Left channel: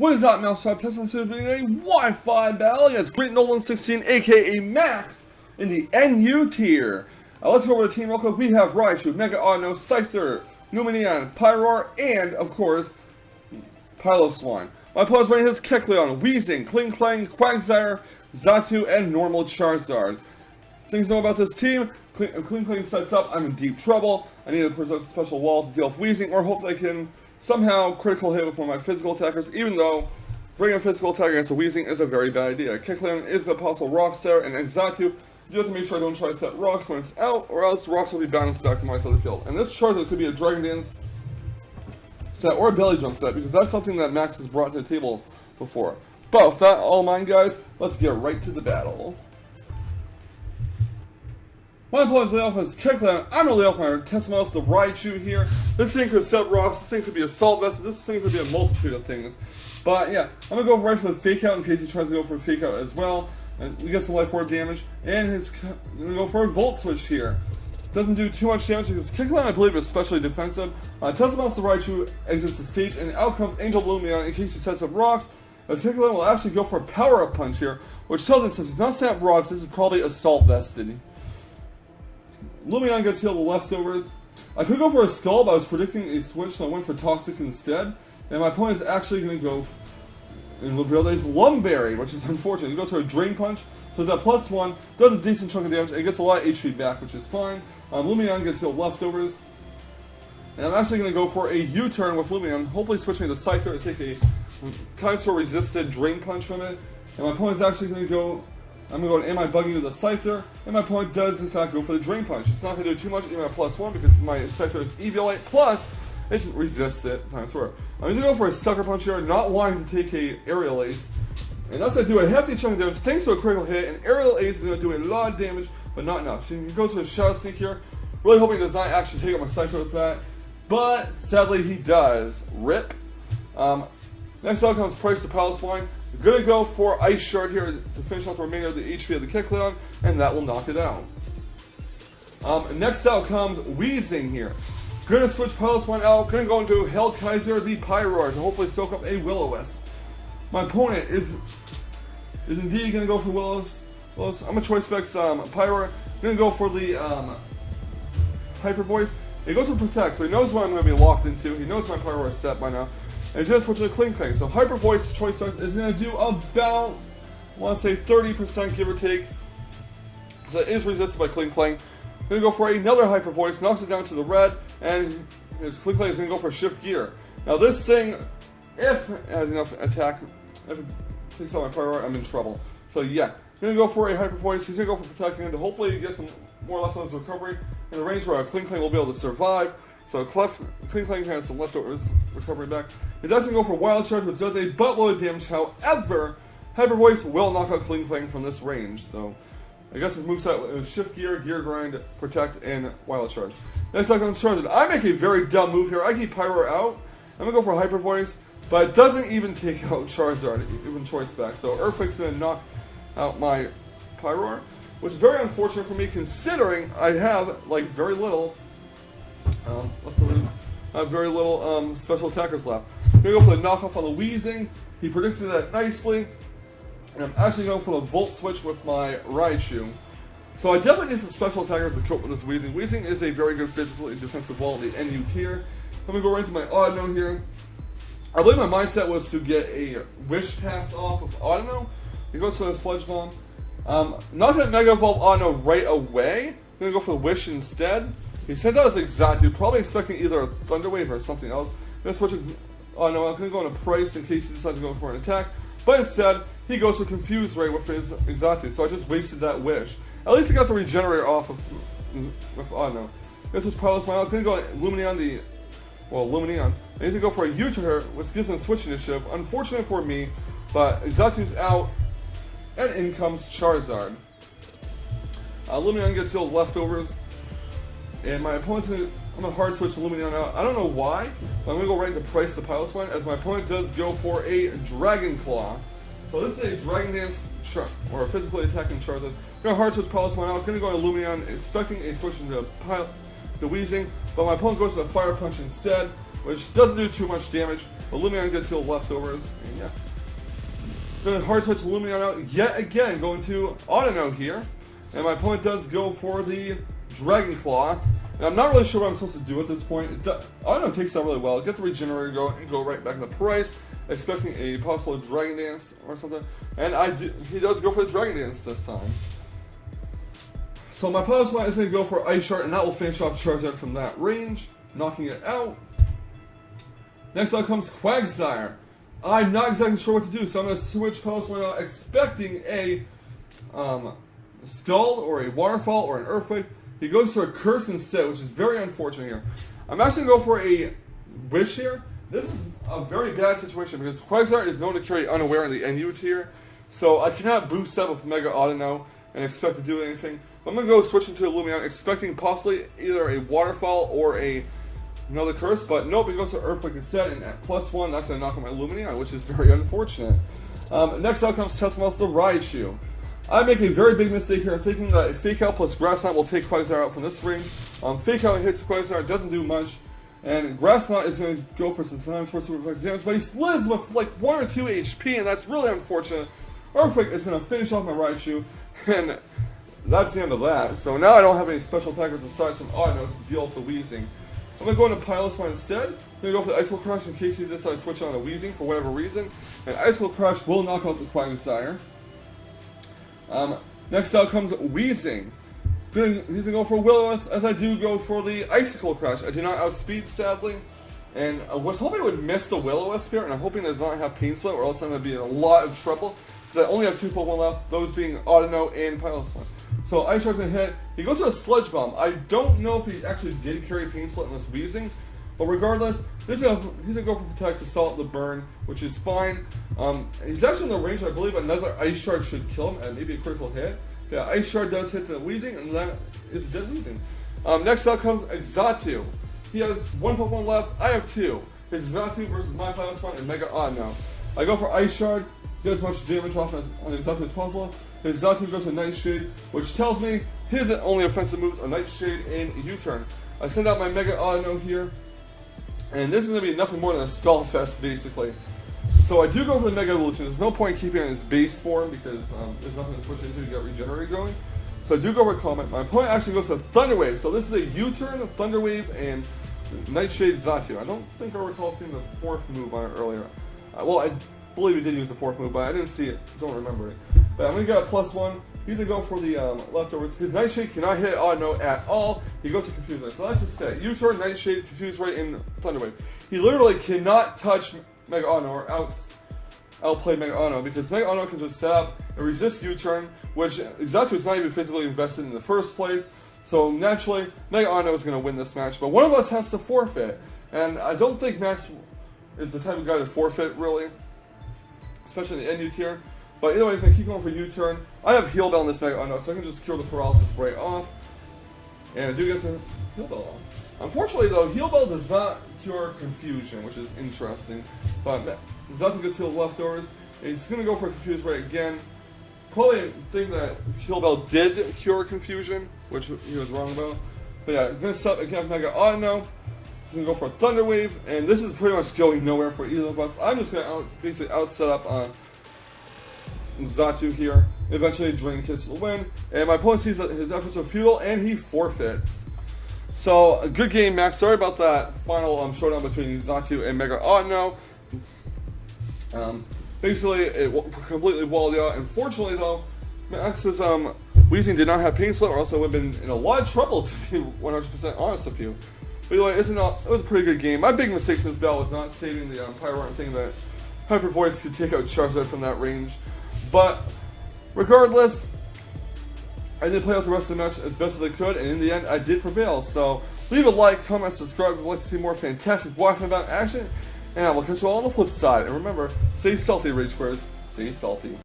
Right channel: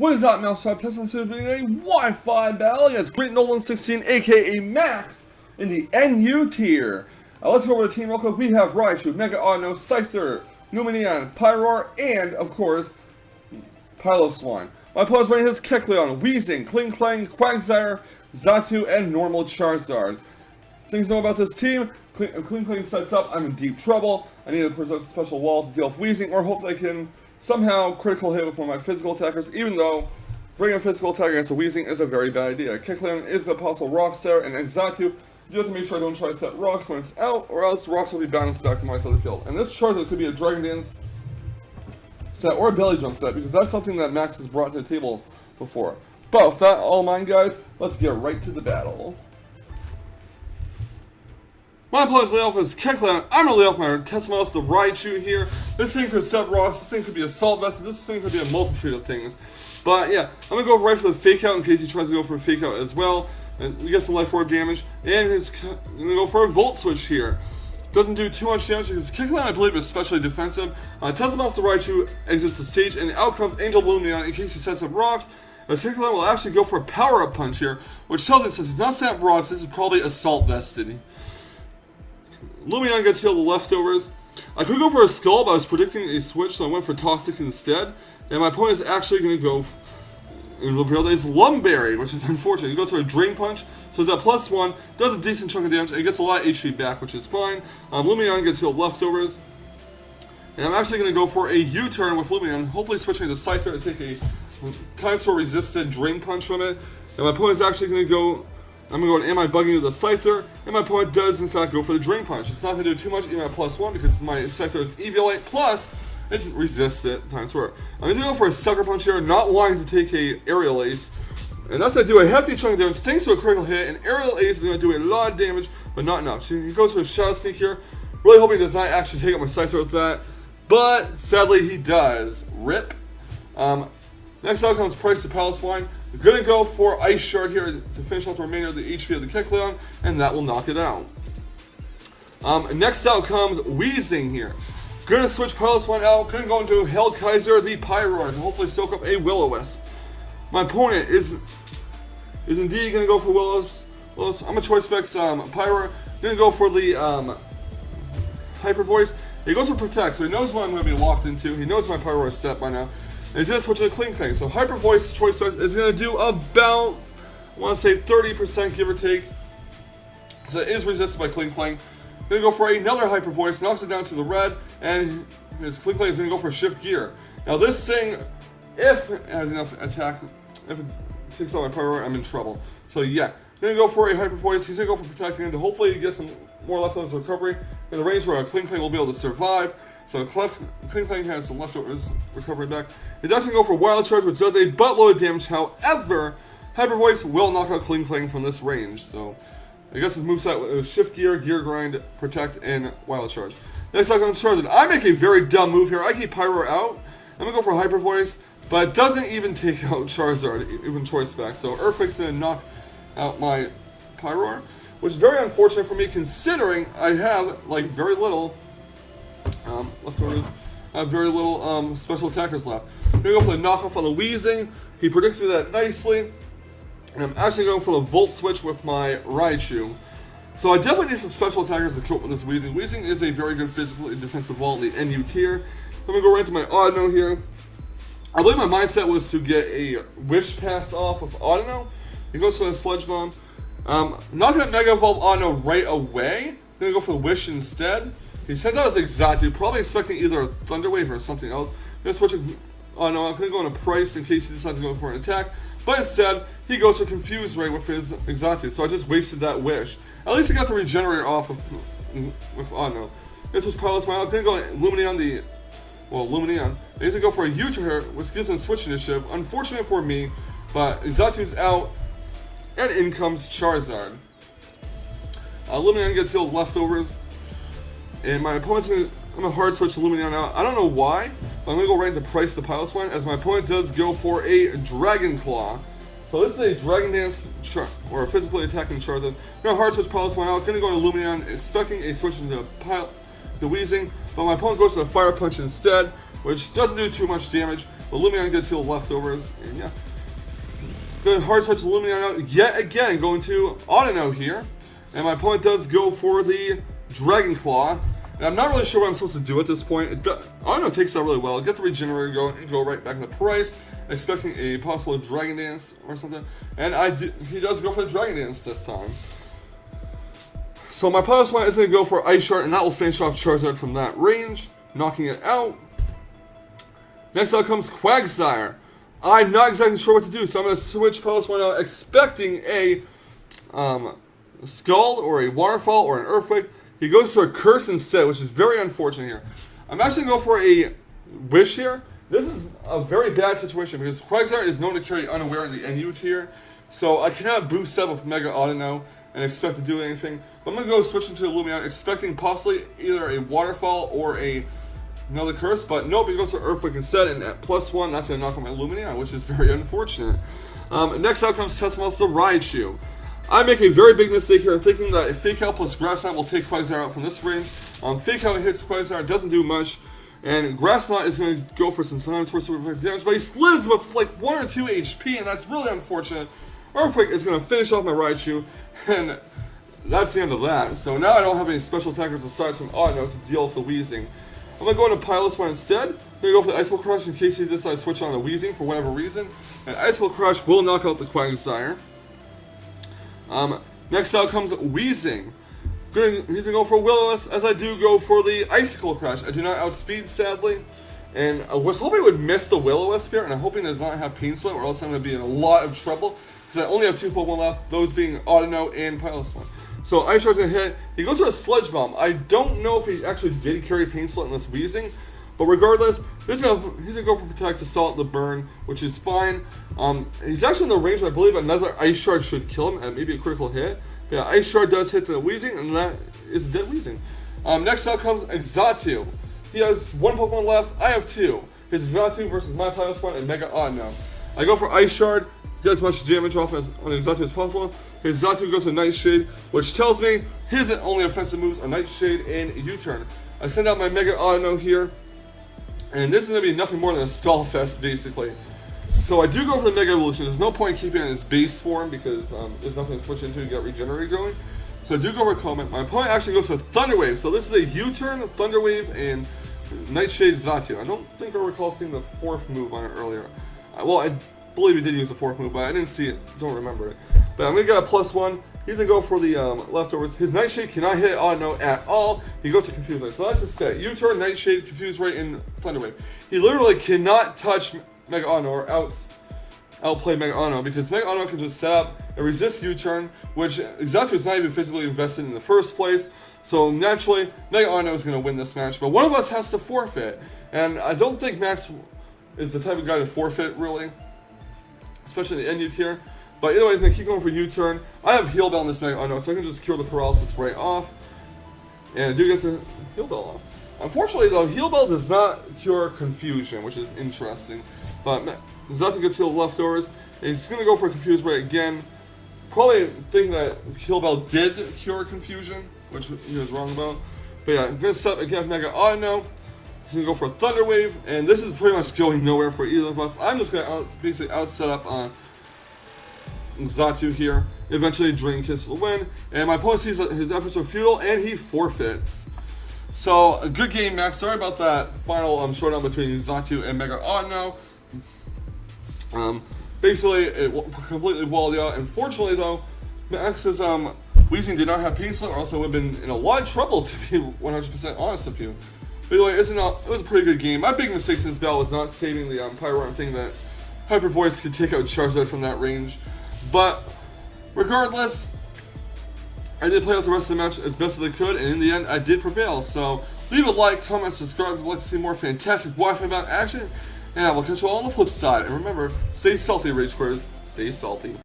What is up, Mousetrap? Teslamouse is doing a Wi-Fi battle against Greatnobleman16, aka Max, in the NU tier. Let's go over the team real quick. We have Raichu, Mega Auto, Scyther, Luminion, Pyroar, and, of course, Piloswine. My opponent's running his Kecleon, Weezing, Klinklang, Quagsire, Xatu, and normal Charizard. Things to know about this team: Klinklang sets up, I'm in deep trouble. I need to preserve special walls to deal with Weezing, or hope they can somehow critical hit with one of my physical attackers, even though bringing a physical attacker against a Weezing is a very bad idea. Kecleon is a possible Rock Star, and Xatu, you have to make sure I don't try to set rocks when it's out, or else rocks will be bounced back to my side of the field. And this Charizard could be a Dragon Dance set or a Belly Jump set, because that's something that Max has brought to the table before. But with that all in mind, guys, let's get right to the battle. My opponent's layoff is Kecleon. I'm going to lay off my Teslamouse, the Raichu here. This thing could set rocks, this thing could be Assault Vest, this thing could be a multitude of things. But yeah, I'm going to go right for the Fake Out in case he tries to go for a Fake Out as well. And we get some Life Orb damage. And I'm going to go for a Volt Switch here. Doesn't do too much damage because Kecleon, I believe, is especially defensive. Teslamouse, the Raichu exits the stage, and out comes Angel Luminion in case he sets up rocks. Kecleon will actually go for a Power Up Punch here, which tells me since he's not set up rocks, this is probably Assault Vested. Luminion gets healed the leftovers. I could go for a Skull, but I was predicting a switch, so I went for Toxic instead. And my opponent is actually going to go in reveal that he's Lumberry, which is unfortunate. He goes for a Drain Punch, so it's at +1, does a decent chunk of damage, and gets a lot of HP back, which is fine. Luminion gets healed leftovers. And I'm actually going to go for a U-turn with Luminion, hopefully switching to Scyther to take a Time-Sword resisted Drain Punch from it. And my opponent's actually going to go, I'm going to go Am I Bugging You with the Scyther, and my opponent does in fact go for the Drain Punch. It's not going to do too much even at +1 because my Scyther is Eviolite, plus it resists it Time-Sword. I'm going to go for a Sucker Punch here, not wanting to take a Aerial Ace. And that's going to do a hefty chunk of damage thanks to a critical hit, and Aerial Ace is going to do a lot of damage, but not enough. He goes for a Shadow Sneak here, really hoping he does not actually take out my Scyther with that, but sadly he does. RIP. Next out comes Price the Piloswine. We're going to go for Ice Shard here to finish off the remainder of the HP of the Kecleon, and that will knock it out. Next out comes Weezing here. Going to switch Piloswine out, going to go into Hellkaiser the Pyroar to hopefully soak up a Will-O-Wisp. My opponent is indeed going to go for Will-O-Wisp. I'm a Choice Specs Pyroar. Going to go for the Hyper Voice. He goes for Protect, so he knows what I'm going to be locked into. He knows my Pyroar is set by now. And he's going to switch to the Klinklang. So Hyper Voice Choice Specs is going to do about, I want to say 30% give or take. So it is resisted by Klinklang. Going to go for another Hyper Voice, knocks it down to the red, and his Klinklang is going to go for Shift Gear. Now this thing, if it has enough attack, if it takes out my Pyroar, I'm in trouble. So yeah, going to go for a Hyper Voice. He's going to go for Protecting and to hopefully get some more leftovers recovery in the range where a Klinklang will be able to survive. So Klinklang has some leftovers recovery back. He's actually going to go for Wild Charge, which does a buttload of damage. However, Hyper Voice will knock out Klinklang from this range. So I guess his moveset is Shift Gear, Gear Grind, Protect, and Wild Charge. Next up comes Charizard. I make a very dumb move here. I keep Pyroar out. I'm going to go for Hyper Voice, but it doesn't even take out Charizard, even Choice Specs. So Earthquake's going to knock out my Pyroar, which is very unfortunate for me considering I have like very little leftovers. I have very little special attackers left. I'm going to go for the knockoff on the Weezing. He predicted that nicely. And I'm actually going for the Volt Switch with my Raichu. So I definitely need some special attackers to cope with this Weezing. Weezing is a very good physically defensive wall in the NU tier. I'm going to go right into my Audino here. I believe my mindset was to get a Wish Pass off with Audino. He goes for the Sludge Bomb. Not going to Mega Evolve Audino right away. I'm going to go for the Wish instead. He sent out his Xatu, probably expecting either a Thunder Wave or something else. I'm going to switch it. Oh no, I'm going to go into Price in case he decides to go for an attack. But instead, he goes for Confuse Ray with his Xatu, so I just wasted that Wish. At least I got the Regenerator off with Audino. This was Piloswine. I'm going to go Luminion Luminion. I need to go for a U-turn, which gives him Switch Initiative. Unfortunate for me, but Xatu's out, and in comes Charizard. Luminion gets healed leftovers. And my opponent's going to hard switch Luminion out. I don't know why, but I'm going to go right into Price the Piloswine, as my opponent does go for a Dragon Claw. So this is a Dragon Dance or a physically attacking Charizard. I'm going to hard switch Piloswine out. Going to go to Luminion, expecting a switch into the Weezing, but my opponent goes to the Fire Punch instead. which doesn't do too much damage. But Lumion gets healed leftovers, and yeah. Good hard touch Lumion out yet again, going to Autono here. And my opponent does go for the Dragon Claw. And I'm not really sure what I'm supposed to do at this point. Autono takes that really well. Get the Regenerator going and go right back into price, expecting a possible Dragon Dance or something. And he does go for the Dragon Dance this time. So my opponent's one is going to go for Ice Shard, and that will finish off Charizard from that range, knocking it out. Next out comes Quagsire. I'm not exactly sure what to do, so I'm going to switch Post One out, expecting a Scald or a Waterfall or an Earthquake. He goes for a Curse instead, which is very unfortunate here. I'm actually going to go for a Wish here. This is a very bad situation because Quagsire is known to carry Unaware in the NU tier, so I cannot boost up with Mega Autono and expect to do anything. But I'm going to go switch into Lumion, expecting possibly either a Waterfall or another Curse, but nope, he goes to Earthquake instead, and at +1, that's going to knock out my Lumion, which is very unfortunate. Next out comes Teslamouse the Raichu. I make a very big mistake here, thinking that a Fake Out plus Grass Knot will take Quagsire out from this range. Fake Out hits Quagsire, doesn't do much, and Grass Knot is going to go for some times for super effective damage, but he lives with like 1 or 2 HP, and that's really unfortunate. Earthquake is going to finish off my Raichu, and that's the end of that. So now I don't have any special attackers to start some Autono to deal with the Wheezing. I'm going to go into Pilot One instead. I'm going to go for the Icicle Crush in case he decides to switch on the Wheezing for whatever reason. And Icicle Crush will knock out the Quagsire. Next out comes Wheezing. He's going to go for Will-O-Wisp, as I do go for the Icicle Crush. I do not outspeed, sadly. And I was hoping I would miss the Will-O-Wisp here, and I'm hoping does not have Pain Split, or else I'm going to be in a lot of trouble. Because I only have 2 Pokemon left, those being Autono and Pilot One. So Ice Shard's going to hit. He goes for a Sludge Bomb. I don't know if he actually did carry Pain Split in this Wheezing. But regardless, he's going to go for Protect, Assault, the Burn, which is fine. He's actually in the range, I believe another Ice Shard should kill him, and maybe a critical hit. Yeah, Ice Shard does hit the Wheezing, and that is a dead Wheezing. Next out comes Exatu. He has 1 Pokemon left, I have 2. His Exatu versus my Pilot One and Mega Autono. I go for Ice Shard, get as much damage off on Exatu as possible. His Exatu goes to Nightshade, which tells me his only offensive moves are Nightshade and U-Turn. I send out my Mega Autono here, and this is going to be nothing more than a stall fest, basically. So I do go for the Mega Evolution. There's no point keeping it in its base form because there's nothing to switch into to get Regenerated going. So I do go for Comet. My opponent actually goes to Thunder Wave. So this is a U-Turn, Thunder Wave, and Nightshade Exatu. I don't think I recall seeing the 4th move on it earlier. Well, I believe he did use the 4th move, but I didn't see it. Don't remember it. But I'm going to get a +1. He's going to go for the leftovers. His Nightshade cannot hit Autono at all. He goes to Confuse Ray. So that's his set. U-Turn, Nightshade, Confuse Ray, and Thunder Wave. He literally cannot touch Mega Autono or outplay Mega Autono because Mega Autono can just set up and resist U-Turn, which Exatu is not even physically invested in the first place. So naturally, Mega Autono is going to win this match. But one of us has to forfeit. And I don't think Max is the type of guy to forfeit, really. Especially in the NU tier. But either way, he's going to keep going for U-Turn. I have Heal Bell in this Mega Autono, so I can just cure the Paralysis right off. And I do get the Heal Bell off. Unfortunately, though, Heal Bell does not cure Confusion, which is interesting. But Exatu gets healed leftovers. And he's going to go for Confuse Ray again. Probably think that Heal Bell did cure Confusion, which he was wrong about. But yeah, I'm going to set up again Mega Autono. He's going to go for a Thunder Wave. And this is pretty much going nowhere for either of us. I'm just going to basically out-set up on Exatu here. Eventually, Drain Kiss will win. And my opponent sees that his efforts are futile, and he forfeits. So, a good game, Max. Sorry about that final showdown between Exatu and Mega Autono. Basically, it completely walled you out. Unfortunately, though, Max's Wheezing did not have Pain Split, or else I would have been in a lot of trouble, to be 100% honest with you. But anyway, it was a pretty good game. My big mistake in this battle was not saving the Pyro and thinking that Hyper Voice could take out Charizard from that range. But regardless, I did play out the rest of the match as best as I could, and in the end, I did prevail. So leave a like, comment, subscribe if you'd like to see more fantastic Wi-Fi Battle action, and I will catch you all on the flip side. And remember, stay salty, Rage Squares. Stay salty.